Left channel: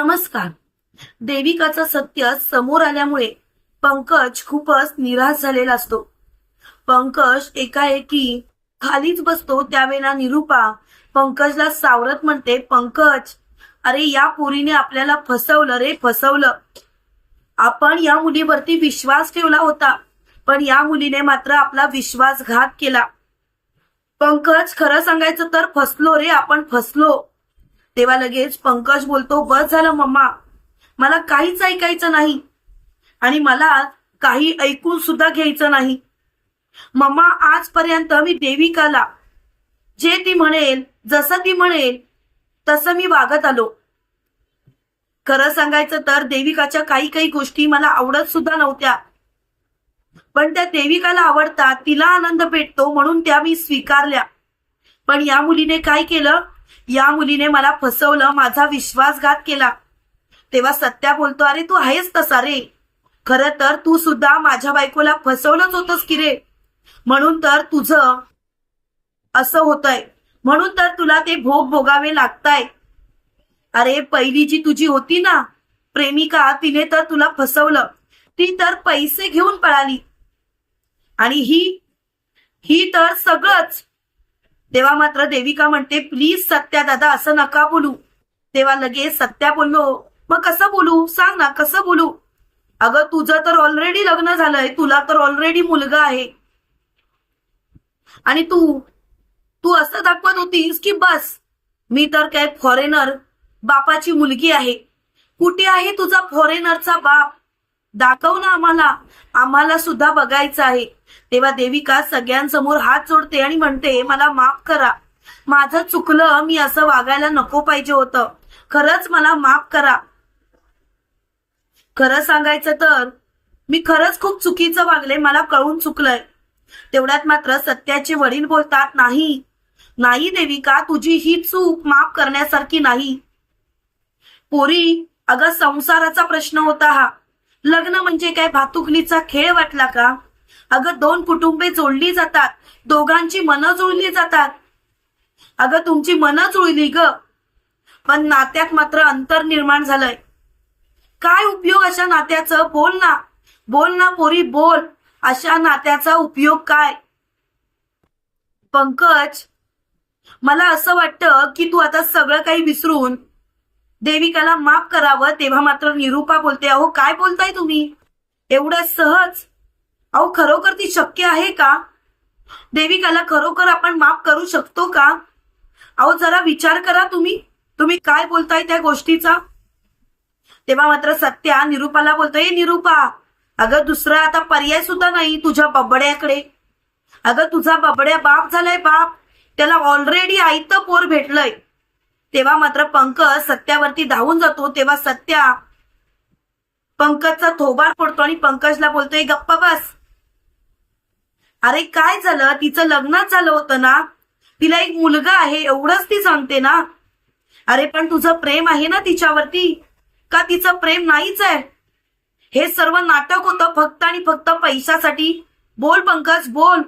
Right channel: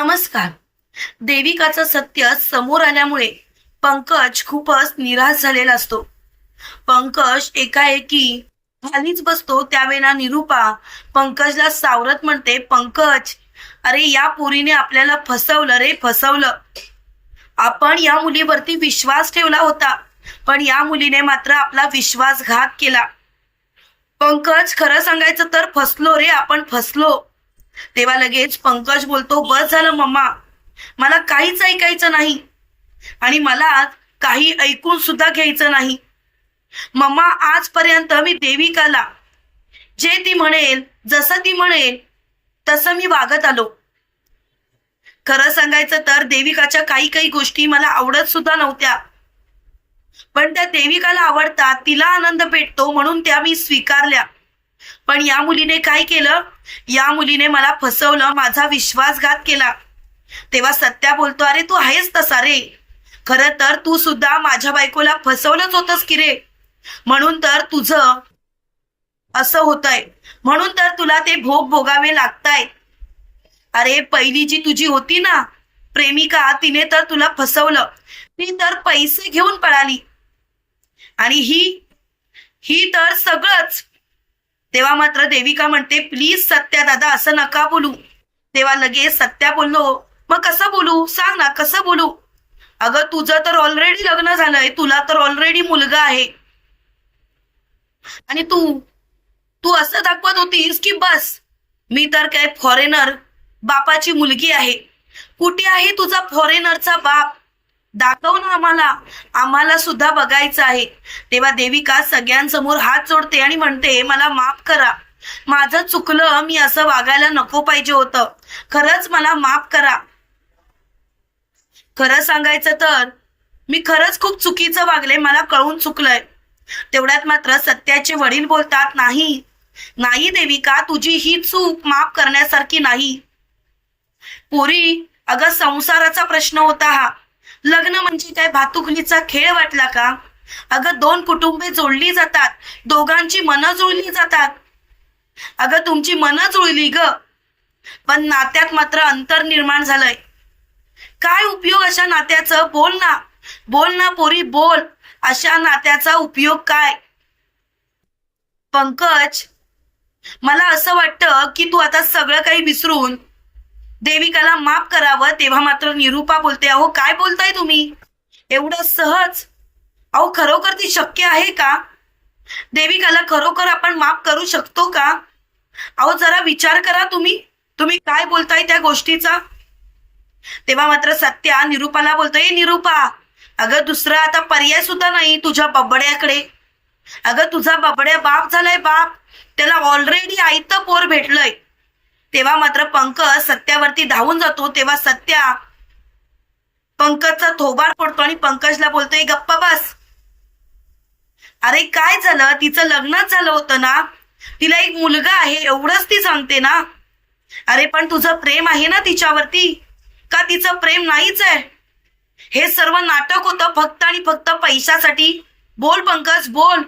नमस्कार. देविकाचं सत्य समोर आल्यामुळे पंकज खूपच निराश झालेला असतो. पंकज एकाएकी खालीच बसतो त्यावेळेला निरूपा पंकजला सावरत म्हणते पंकज अरे या पोरीने आपल्याला फसवलं रे फसवलं. आपण या मुलीवरती विश्वास ठेवला होता पण या मुलीने मात्र आपला विश्वासघात केला. पंकज खरं सांगायचं तर फसलो रे आपण फसलो. तेव्हा लगेच पंकज बोलतो बस झालं मम्मा. मला काहीच ऐकायचं नाही. आणि मला काही ऐकून सुद्धा घ्यायचं नाही. मम्मा आजपर्यंत मी देविकाला जे ती म्हणेल जसं ती म्हणेल तसं मी वागत आलो. खरं सांगायचं तर देविकाच्या काही काही गोष्टी मला आवडत सुद्धा नव्हत्या. पण त्या देविकाला आवडतात तिला आनंद भेटतो म्हणून त्या मी स्वीकारल्या. पण या मुलीने काय केलं? या मुलीने मला फसवलं माझा विश्वासघात केला. तेव्हा सत्या बोलतो अरे तू आहेस तसा रे. खरं तर तू सुद्धा माझ्या बायकोला फसवलंच होतंस की रे. म्हणून तर तुझं असं होतंय. म्हणून तर तुला ते भोग भोगावे लागताय. अरे पहिली जी तुझी होती ना प्रेमिका तिने तर तुला फसवलं. ती तर पैसे घेऊन पळाली. आणि ही ही तर सगळंच तेव्हा मात्र देविका म्हणते प्लीज सत्या दादा असं नका बोलू. तेव्हा लगेच सत्या बोललो मग कसं बोलू? सांग ना कसं बोलू? अगं तुझं तर ऑलरेडी लग्न झालंय तुला तर ऑलरेडी मुलगा आहे. आणि तू? तू असं दाखवत होतीस की बस मी तर काय फॉरेनर बापाची मुलगी आहे. कुठे आहे तुझा फॉरेनरचा बाप? दाखव ना आम्हाला. आम्हाला सुद्धा बघायचं आहे. तेव्हा देविका सगळ्यांसमोर हात जोडते आणि म्हणते मला माफ करा. माझं चुकलं मी असं वागायला नको पाहिजे होतं. खरंच मला माफ करा. खरं सांगायचं तर मी खरंच खूप चुकीचं वागले मला कळून चुकलंय. तेवढ्यात मात्र सत्याचे वडील बोलतात नाही. नाही देविका तुझी ही चूक माफ करण्यासारखी नाही. पोरी अगं संसाराचा प्रश्न होता हा. लग्न म्हणजे काय? भातुकलीचा खेळ वाटला का? अगं दोन कुटुंबे जोडली जातात. दोघांची मनं जुळली जातात. अगं तुमची मनं जुळली ग. पण नात्यात मात्र अंतर निर्माण झालंय. काय उपयोग अशा नात्याचं? बोल ना. बोल ना पोरी बोल. अशा नात्याचा उपयोग काय? पंकज मला असं वाटतं की तू आता सगळं काही विसरून देविकाला माफ करावं तेव्हा मात्र निरूपा बोलते अहो काय बोलताय तुम्ही? एवढं सहज? अहो खरोखर ती शक्य आहे का? देविकाला खरोखर आपण माफ करू शकतो का? अहो जरा विचार करा तुम्ही. तुम्ही काय बोलताय त्या गोष्टीचा? तेव्हा मात्र सत्या निरूपाला बोलतोय निरूपा अगं दुसरा आता पर्याय सुद्धा नाही तुझ्या बबड्याकडे. अगं तुझा बबड्या बाप झालाय बाप. त्याला ऑलरेडी आईतं पोर भेटलंय. तेव्हा मात्र पंकज सत्यावरती धावून जातो तेव्हा सत्या पंकजचा थोबार पडतो आणि पंकजला बोलतोय गप्पा बस. अरे काय झालं? तिचं लग्नच झालं होतं ना? तिला एक मुलगा आहे एवढंच ती सांगते ना? अरे पण तुझं प्रेम आहे ना तिच्यावरती? का तिचं प्रेम नाहीच आहे? हे सर्व नाटक होतं फक्त आणि फक्त पैशासाठी. बोल पंकज बोल.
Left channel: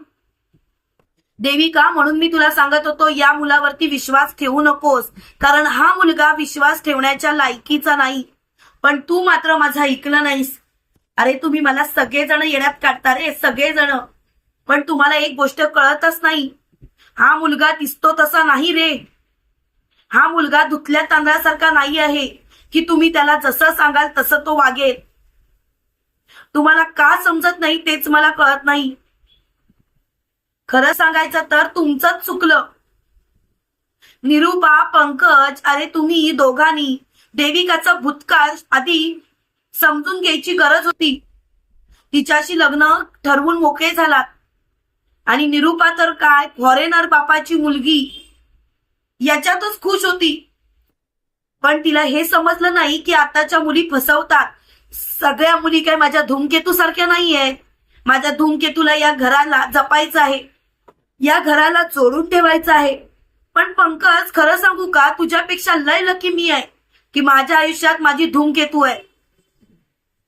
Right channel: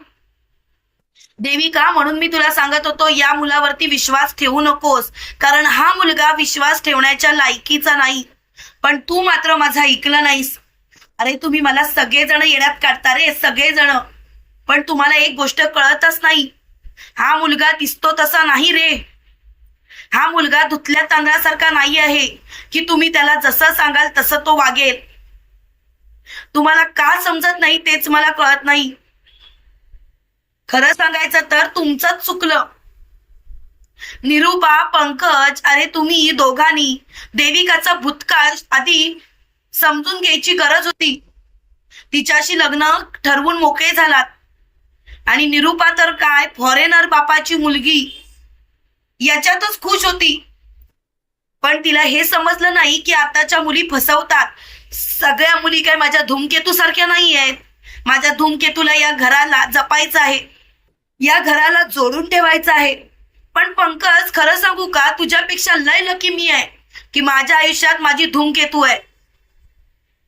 देविका म्हणून मी तुला सांगत होतो या मुलावरती विश्वास ठेवू नकोस. कारण हा मुलगा विश्वास ठेवण्याच्या लायकीचा नाही. पण तू मात्र माझा ऐकलं नाहीस. अरे तुम्ही मला सगळेजण येण्यात काढता रे सगळेजण. पण तुम्हाला एक गोष्ट कळतच नाही. हा मुलगा दिसतो तसा नाही रे. हा मुलगा धुतल्या तांदळासारखा नाही आहे की तुम्ही त्याला जसं सांगाल तसं तो वागेल. तुम्हाला का समजत नाही तेच मला कळत नाही. खरं सांगायचं तर तुमचंच चुकलं. निरूपा पंकज अरे तुम्ही दोघांनी देविकाचा भूतकाळ आधी समजून घ्यायची गरज होती. तिच्याशी लग्न ठरवून मोकळे झालात. आणि निरूपा तर काय फॉरेनर बापाची मुलगी. याच्यातच खुश होती. पण तिला हे समजलं नाही की आताच्या मुली फसवतात. सगळ्या मुली काय माझ्या धूमकेतू सारख्या नाही आहेत माझ्या धूमकेतूला या घराला जपायचं आहे. या घराला जोडून ठेवायचं आहे. पण पंकज खरं सांगू का? तुझ्यापेक्षा लय लकी मी आहे की माझ्या आयुष्यात माझी धूमकेतू आहे.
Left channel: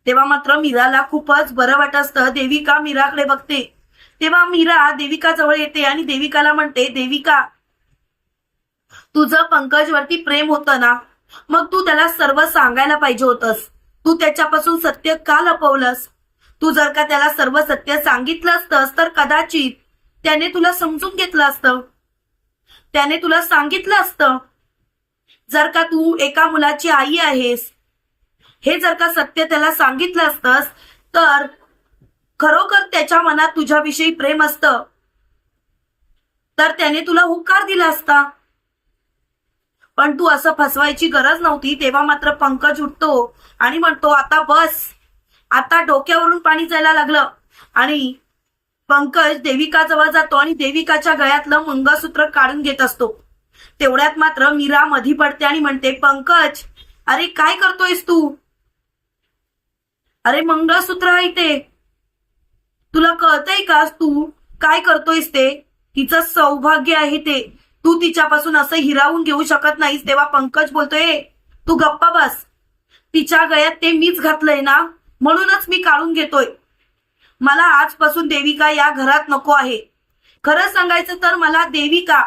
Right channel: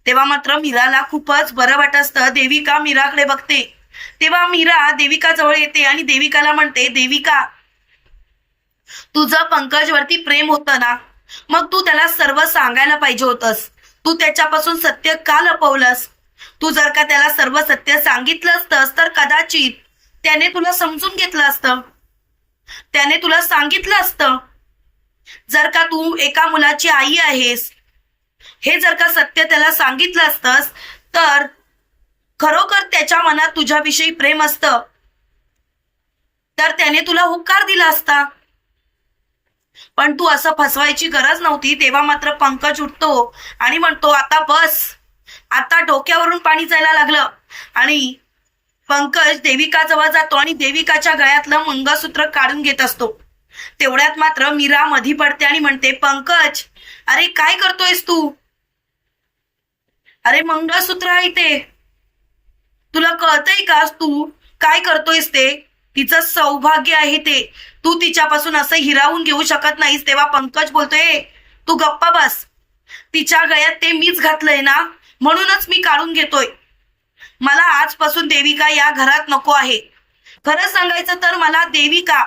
तेव्हा मात्र मीराला खूपच बरं वाटत. असतं देविका मीराकडे बघते. तेव्हा मीरा देविका जवळ येते आणि देविकाला म्हणते देविका तुझं पंकजवरती प्रेम होतं ना? मग तू त्याला सर्व सांगायला पाहिजे होतंस. तू त्याच्यापासून सत्य का लपवलंस? तू जर का त्याला सर्व सत्य सांगितलं असतंस तर कदाचित त्याने तुला समजून घेतलं असतं. त्याने तुला सांगितलं असतं. जर का तू एका मुलाची आई आहेस हे जर का सत्य त्याला सांगितलं असतंस तर खरोखर त्याच्या मनात तुझ्याविषयी प्रेम असतं. तर त्याने तुला हुकार दिला असता. पण तू असं फसवायची गरज नव्हती तेव्हा मात्र पंकज उठतो आणि म्हणतो आता बस. आता डोक्यावरून पाणी जायला लागलं. आणि पंकज देविकाजवळ जातो आणि देविकाच्या गळ्यातलं मंगळसूत्र काढून घेत असतो. तेवढ्यात मात्र मीरा मधी पडते आणि म्हणते पंकज अरे काय करतोयस तू? अरे मंगळसूत्र आहे ते. तुला कळतंय का तू? काय करतोयस ते? तिचं सौभाग्य आहे ते. तू तिच्यापासून असं हिरावून घेऊ शकत नाहीस तेव्हा पंकज बोलतोय तू गप्पा बस. तिच्या गळ्यात ते मीच घातलंय ना? म्हणूनच मी काढून घेतोय. मला आजपासून देविका या घरात नको आहे. खरं सांगायचं तर मला देविका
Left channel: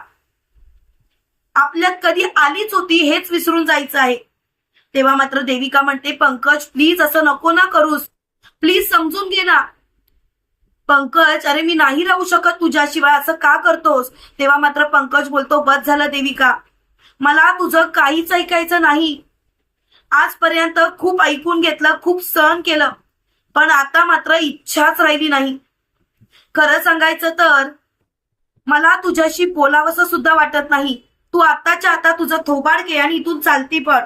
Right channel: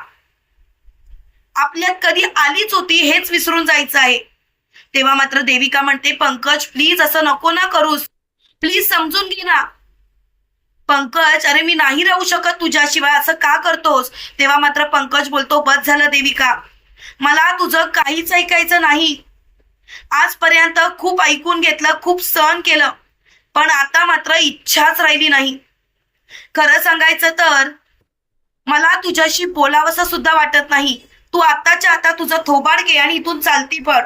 आपल्यात कधी आलीच होती हेच विसरून जायचं आहे. तेव्हा मात्र देविका म्हणते पंकज प्लीज असं नको ना करूस. प्लीज समजून घे ना. पंकज अरे मी नाही राहू शकत तुझ्याशिवाय असं का करतोस? तेव्हा मात्र पंकज बोलतो बस झालं देविका. मला तुझं काहीच ऐकायचं नाही. आजपर्यंत खूप ऐकून घेतलं खूप सहन केलं. पण आता मात्र इच्छाच राहिली नाही. खरं सांगायचं तर मला तुझ्याशी बोलावंसं सुद्धा वाटत नाही. तू आताच्या आता तुझं थोबाड घे आणि इथून चालती पड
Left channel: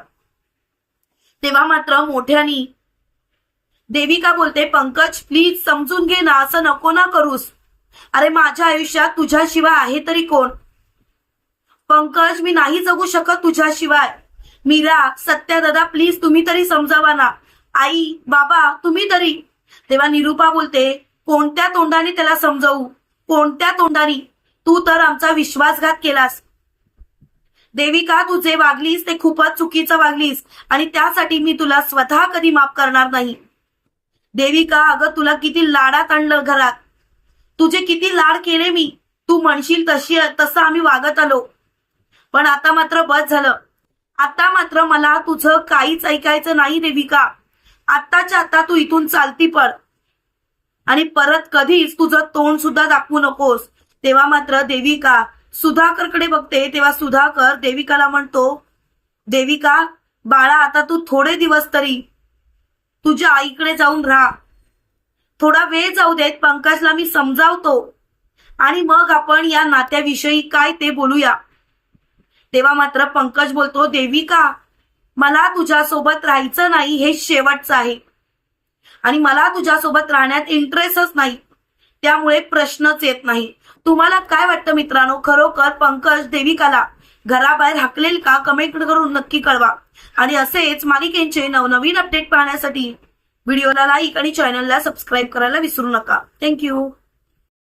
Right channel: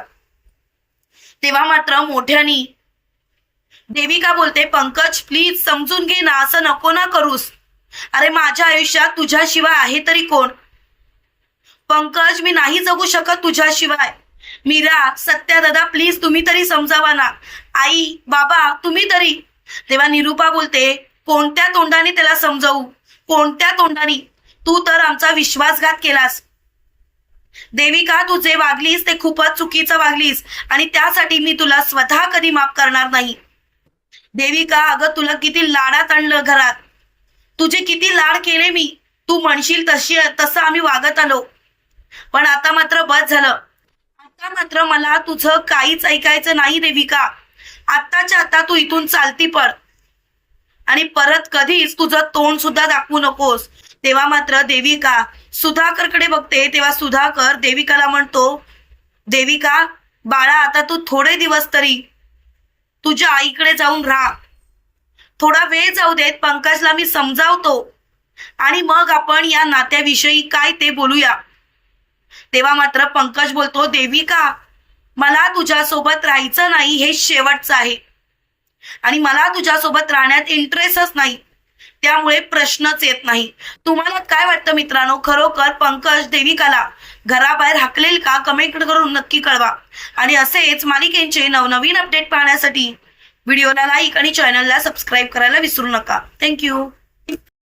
तेव्हा मात्र मोठ्यानी देविका बोलते पंकज प्लीज समजून घे ना असं नको ना करूस. अरे माझ्या आयुष्यात तुझ्याशिवाय आहे तरी कोण? पंकज मी नाही जगू शकत तुझ्याशिवाय. मीरा सत्या दादा प्लीज तुम्ही तरी समजावा ना. आई बाबा तुम्ही तरी. तेव्हा निरूपा बोलते कोणत्या तोंडाने त्याला समजावू? कोणत्या तोंडाने? तू तर आमचा विश्वासघात केलास. देविका तू जे वागलीस? ते खूपच चुकीचं वागलीस आणि त्यासाठी मी तुला स्वतः कधी माफ करणार नाही. देविका अगं तुला किती लाडात आणलं घरात. तुझे किती लाड केले मी. तू म्हणशील तशी तसं आम्ही वागत आलो. पण आता मात्र बस झालं. आता मात्र मला तुझं काहीच ऐकायचं नाही देविका. आत्ताच्या आता तू इथून चालती पड आणि परत कधीच तुझं तोंड सुद्धा दाखवू नकोस. तेव्हा मात्र देविका सुधाकरकडे बघते तेव्हा सुधाकर देविकाला म्हणतो देविका बाळा आता तू थोडे दिवस तरी तुझ्या आईकडे जाऊन राहा. थोडा वेळ जाऊ देत पंकजला मी समजावतो. आणि मग आपण या नात्याविषयी काय ते बोलूया. तेव्हा मात्र पंकज बोलतो देविका मला तुझ्यासोबत राहायचं नाही हे शेवटचं आहे. आणि मला तुझ्यासोबत राहण्यात इंटरेस्टच नाही. त्यामुळे प्रश्नच येत नाही. तुम्हाला काय वाटतं मित्रांनो? खरोखर पंकज देविकाला घराबाहेर हाकलेल का? कमेंट करून नक्की कळवा. आणि असेच मालिकेंचे नवनवीन अपडेट पाहण्यासाठी व्हिडिओला लाईक आणि चॅनलला सबस्क्राईब करायला विसरू नका. थँक्यू